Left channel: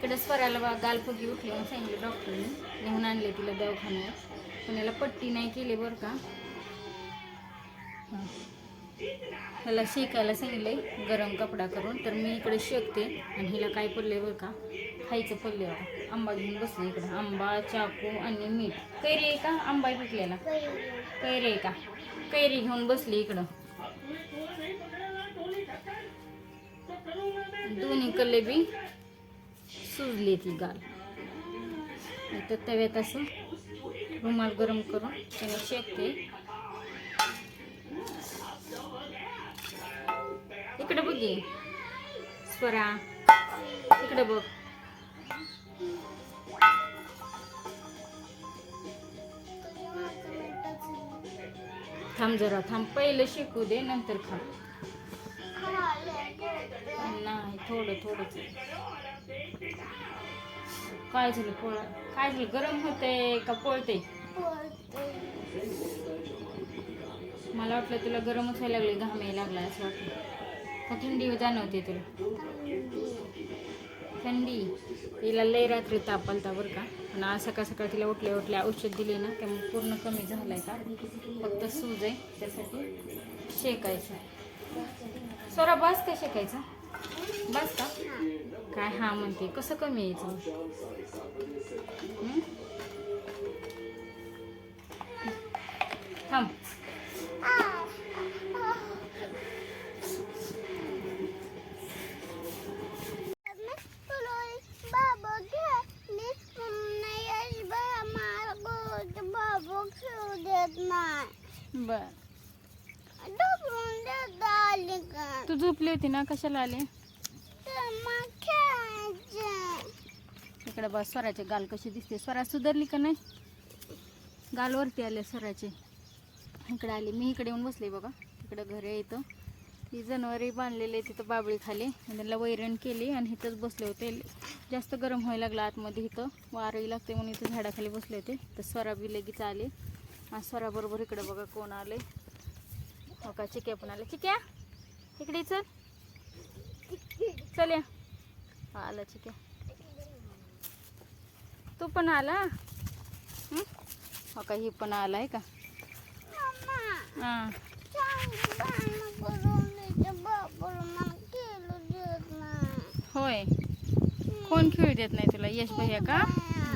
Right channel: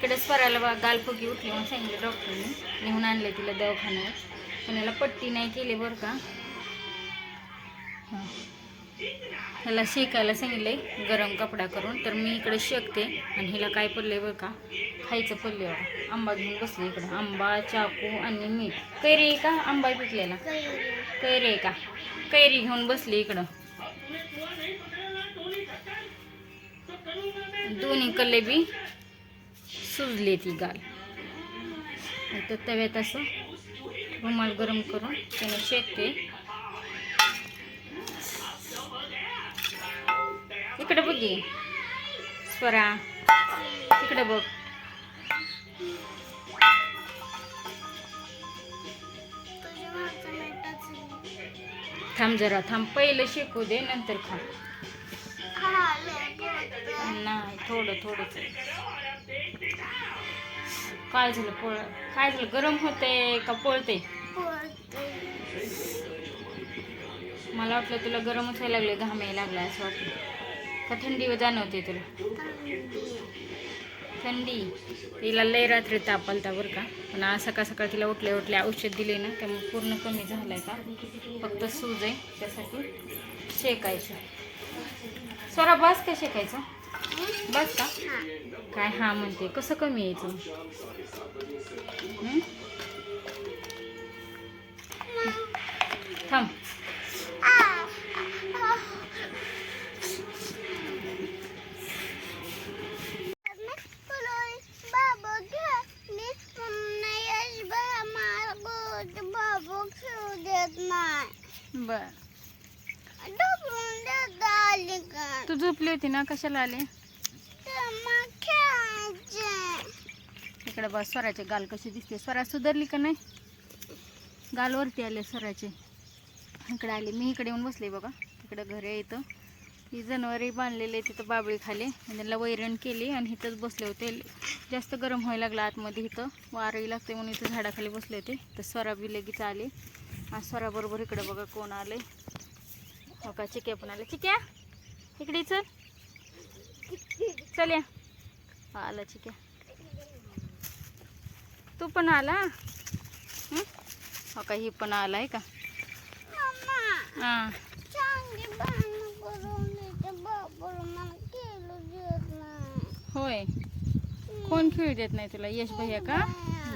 तिकडे स्वराला बा गालफुगी उठली म्हणून सांगितलं डॉक्टरने. नेऊन आणले तिला दवाखान्यात. पुण्याला पट्टी नाही केली बरं का. ह्याला शेकायला सांगितलंय गरम कपडा करून. तर मी इकडे शेकते. आणि हिला काय पडले बरं का खायचं पडले आंबा घेऊन बसले इकडं. आंबा चाकू आणि मीठ. कैरी आहे का? आंबा पिकलेला. कैरी आहे का? कैरी घेऊन बसली इकडं. दोन्ही कलेबी सुजली ती गाल. तर तव्यात असं रुमाल गरम करून त्याला शेकते. इकडे बघी स्वरा. इकडे बघ. थांब जरा थांब. पहिलं शेकू दे नंतर खा नाही थोडं थोडंच काय झालं पोळ? काय झालं? गरम होते का पोळते मला वाटलं तुला गरमच व्हायला लागले घाम यायला लागला असं वाटलं. का थंडी जाणवते तुला? थंडी. तिला लय रात्री ताप आलता बरं का. पण आज सकाळ सकाळ तिला उठल्या उठल्या औषध दिले ना त्यामुळे पूर्ण कमी झालं आहे फक्त सूज आहे त्यासाठी शेकायचं. स्वरा बस का शेकायचं बस का? काय हा म्हणते कसं कमी यायचं? थांब. बर ढकलून देत आली का तू झोपली होती ना? कशाला आले? इकडे बघ स्वराचे गाल कशी दिसते. स्वरा सुधारली का नाही? गालवरती आले स्वराचे. इकडे आले. मी इकडे येऊन बसले बघा. तिकडे घर आहे इथं. ही जनावरे बांधलेले तिथं बाबळी खाली आणि त्यांना वैरण केली आणि इथंच बसले होते. जास्त गरम व्हायला लागला आतमध्ये इथं. वारही लागते म्हणून इथं झाडाखाली बसले होते. तर स्वरा बी लगेच आले. आणि स्वराबरोबर इकडे बघा कोण आले हो का? चिके पण आले. चिक्या इकडे चल. चल या. आला चिक्या तू पण आला? हो? का ही पण आलाय का? हां. होय. कोण खेळू देत नाही तुला? यश भैया का?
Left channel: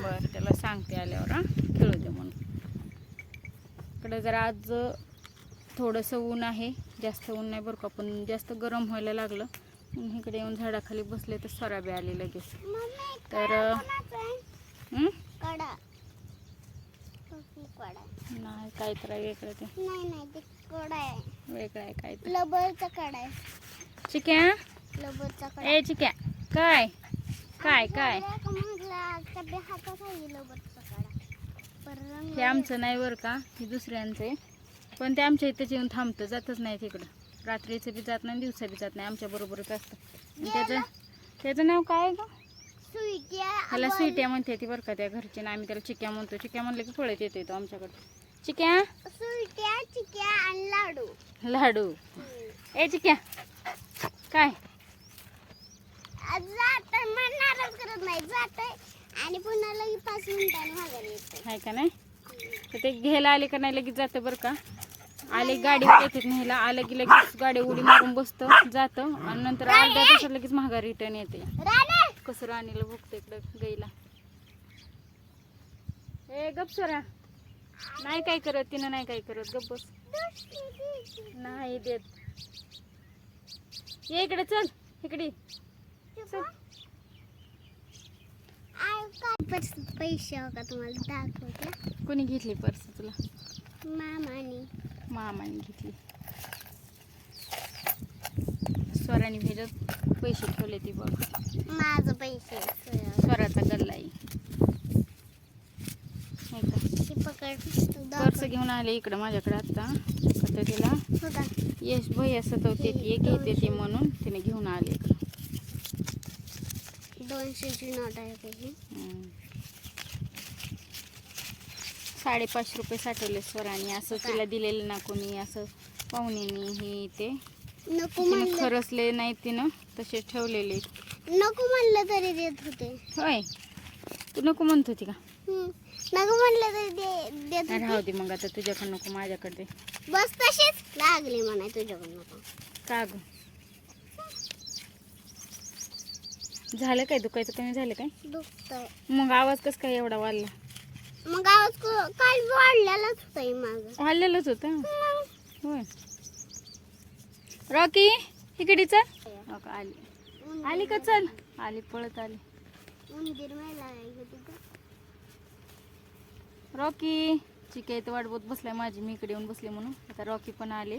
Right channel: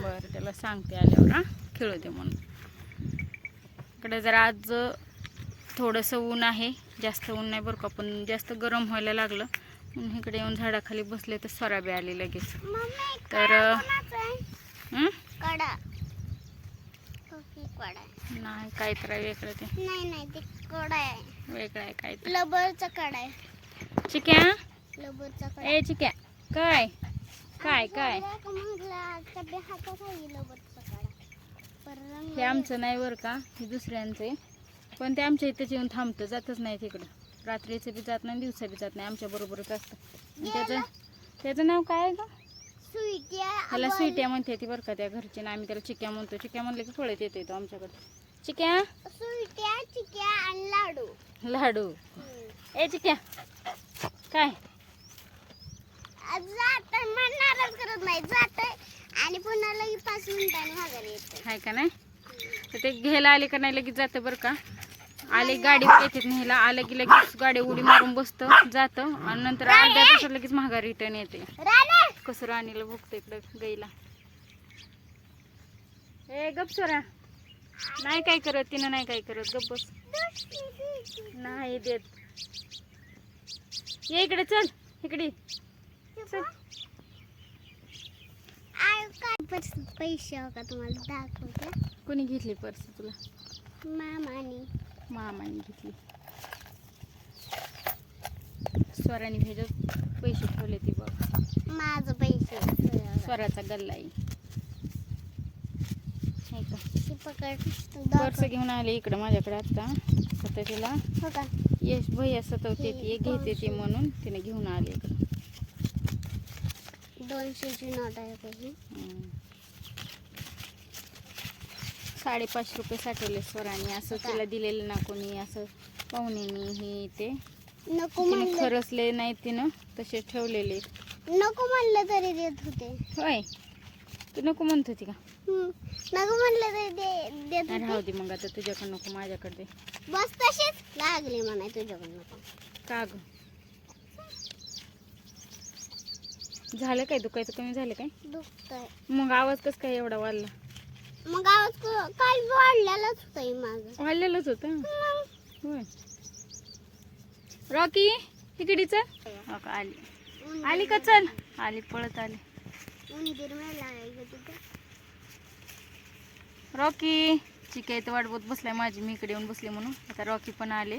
बरं त्याला सांगते आल्यावर हा. खेळू दे म्हणून. इकडे जरा आज थोडंसं ऊन आहे. जास्त ऊन नाही बरं का पण जास्त गरम व्हायला लागलं. म्हणून इकडे येऊन झाडाखाली बसले तर स्वराबी आले लगेच. तर. नाही काय तर वेगळं ते. नाही नाही ते कडा आहे. वेगळं आहे काय लबरचा कडा आहे. चिक्या? ए चिक्या काय? काय काय? हे आमचं नाही बरं का हे दुसऱ्यांचं आहे. पण ते आमच्या इथेच येऊन थांबतं जातच नाही तिकडं. रात्रीचं बी जात नाही दिवसा बी जात नाही आमच्या बरोबरच असतं. त्याचं त्याचं नाव काय स्वीटी त्याला स्वीट्या म्हणते ती बरं का त्या घरचे ना आम्ही त्याला चिक्या म्हणतो. चिक्या म्हणलं की पळत येतो तो आमच्याकडे. चिक्या? चिक्या आणि लाडू. लाडू. ए चिक्या. काय? जात म्हणणारच करत नाही. जात आणि पुन्हा लगी पाच मिनिटांनी माघारी येते आहे का नाही? तर ते घ्यायला आले का नाही लगेच जातं बरं का? आले गाडीवर येते न्यायला. आलं की लगेच गाडी उडी मारून बसतं जातं. आणि नंतर अर्ध्या तासात लगेच महागा रिटर्न येते. कसं राणीला भुकते इकडे गाईला. ए गप सोरा. नाही काय करत तिनं नाही काय करत. गप बस. नाही देत. ये इकडे चल इकडे. चल. पैसे पैसे हो का तुम्हाला? दाखवते कोणी घेतली पर्स तुला? मामाने. मामाने घेतली स्वराने ह्याच्यात पैसे ठेवले ती बघ. माझं पैसे. स्वराचा गल्ला हे? ती पर्स घेऊन आले इकडं माझ्याकडे आता. आता तिला हो यश भैया सतवते ती घेते ती म्हणून तिने घेऊन आले. दोनशेची नोट आहे साडेपाचशे रुपये साठवले स्वराने असं तिला दिलेलं ना कोणी असं पाहुण्यानी हे ते नको तिने म्हणलं. खरसले नाही तिनं तसे ठेवलेले. नको म्हणलं तरी देत होते. होय? तू नको म्हणत होती का? हम्म. नको म्हणलं तरी दे- देत राहू होते. दे मग आता तुझ्याकडे नको माझ्याकडे दे. बस तशीच. लागली म्हणा तुझ्याकडून नको. का ग? झालं काय? दुखायचं कमी झालं काय? दुखतंय. मग आवाज कस काय एवढा वाढला? मग आवाज काल वाढलेलाच होता माझं वाढलेलंच होतं? होय. रॉकी इकडे चल. हो का, आली. आली का चल? आली पळत आली. उंदीर मेला रॉकी चिके इथं वाट बघत बसलाय माझी मी इकडे येऊन बसले म्हणून. आता रॉकी पण आले.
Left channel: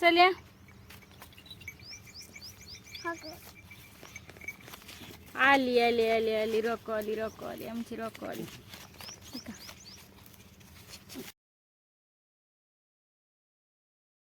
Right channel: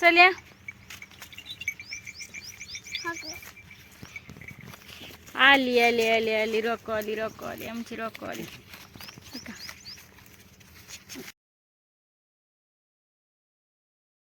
चल या? आली आली आली आली रॉको आली रॉको आली आमची रॉको आली.